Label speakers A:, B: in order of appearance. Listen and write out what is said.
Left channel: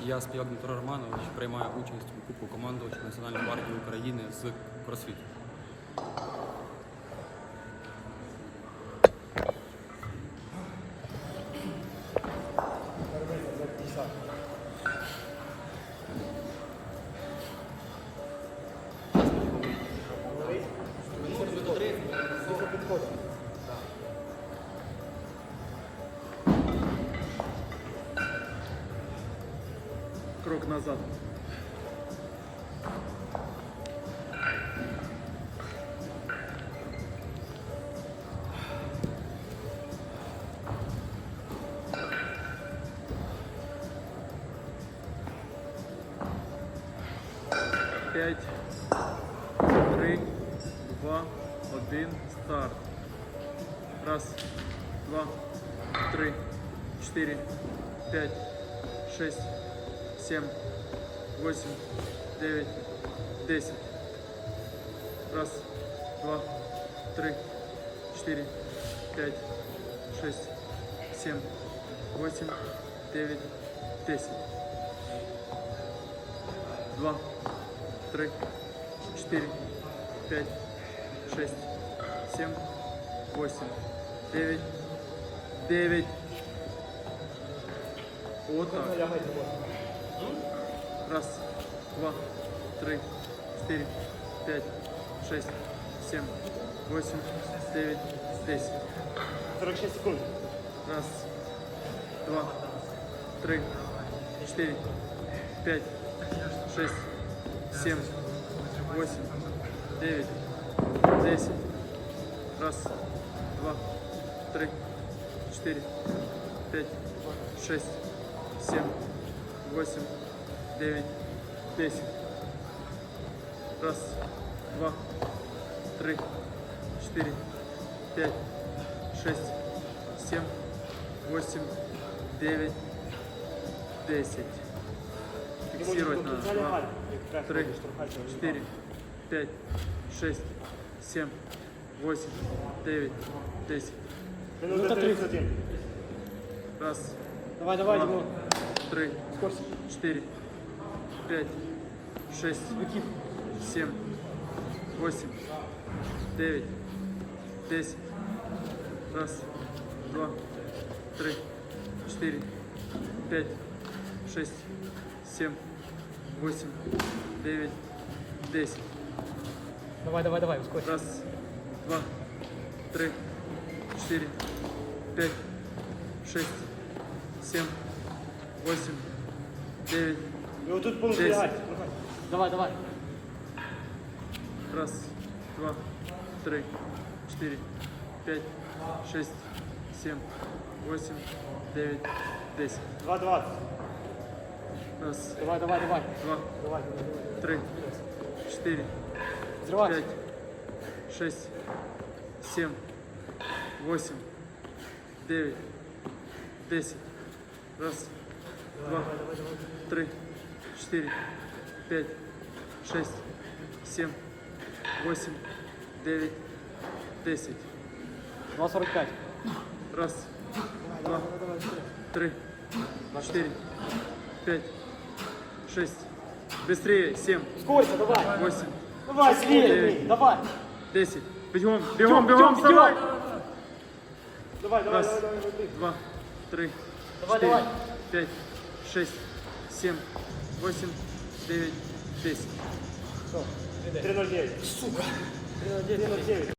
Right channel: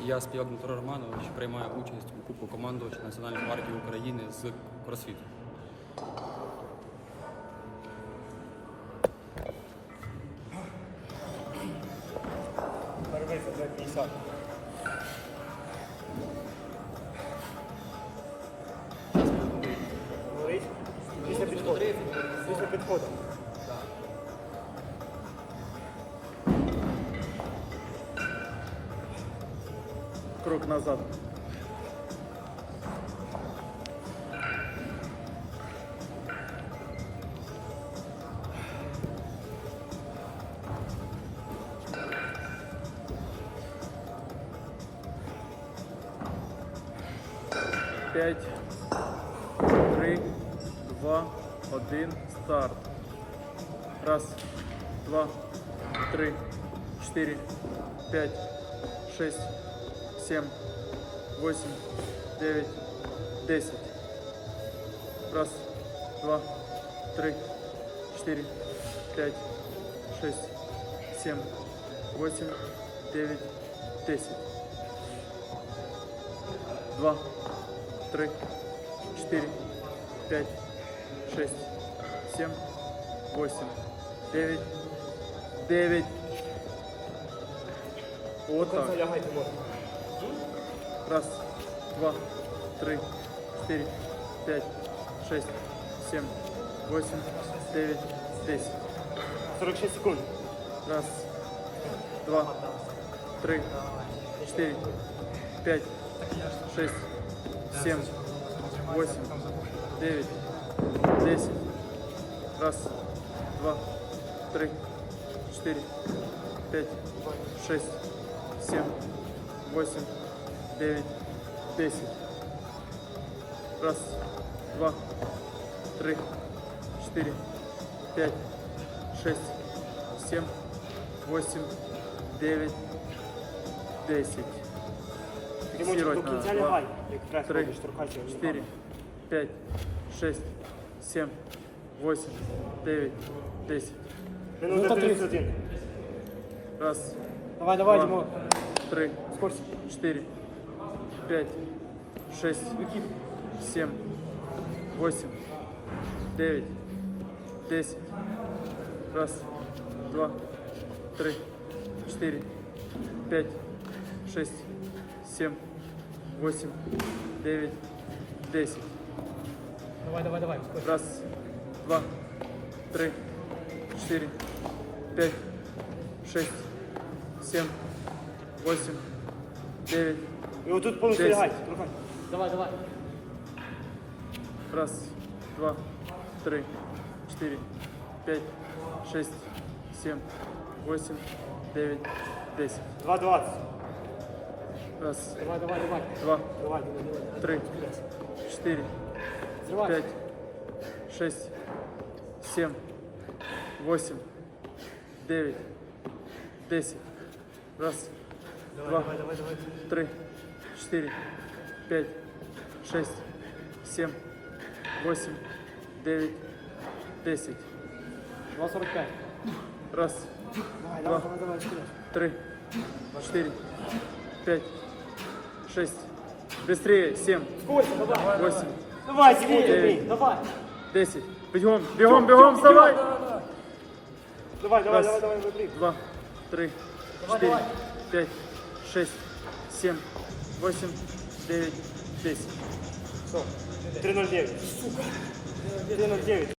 A: Я співак Дмитро Романович приймаю участь у Кубку командувача Національної гвардії України з кросфіту.
B: Круг назад. П'ять, три, два, один, старт. Раз, два, три, четыре, п'ять, шесть. 7, 8, 9, 10. Раз, два, три, четыре, пять, шесть, семь, восемь, девять, десять. Два, три, четыре, пять, шесть, семь, восемь, девять, девять. Вот так. Раз, два, три, четыре, пять, шесть, семь, восемь, девять, десять.
C: 46 секунд.
B: Раз, два, три, четыре, пять, шесть, семь, восемь, девять, десять. Раз, два, три, четыре, пять, шесть, семь, восемь, девять, десять. Раз, два, три, четыре, пять, шесть, семь, восемь, девять, десять. Фиксировать надо. Два, три, четыре, пять, шесть, семь, восемь, девять, десять.
C: Минута 31.
B: Раз,
D: Давай, давай,
B: два. Три, четыре, пять, шесть, семь, восемь, девять, десять. Раз, два, три, четыре, пять, шесть, семь, восемь, девять, десять.
D: Давай, давай, давай, ускорь.
B: Раз, два, три, четыре, пять, шесть, семь, восемь, девять,
C: И вот тут полностью
B: Десять.
C: лягать.
D: Давай, давай.
B: Раз, два, три, четыре, пять, шесть, семь, восемь, девять, десять.
C: 2-20.
B: Раз,
D: Давай, давай, давай.
B: два, три, четыре,
D: Взрывай.
B: пять, шесть, семь, восемь, девять, десять. Раз, два, три, четыре, пять, шесть, семь, восемь, девять, десять.
D: 2.45.
B: Раз, два, три, четыре, пять, шесть. Быстрее. Семь, восемь. Девять. Десять. Бегом, бегом, бегом, вставай. Раз, два, три, четыре, пять, шесть, семь, восемь, девять, десять.
C: 3-0-9. Сука. 3-0-9.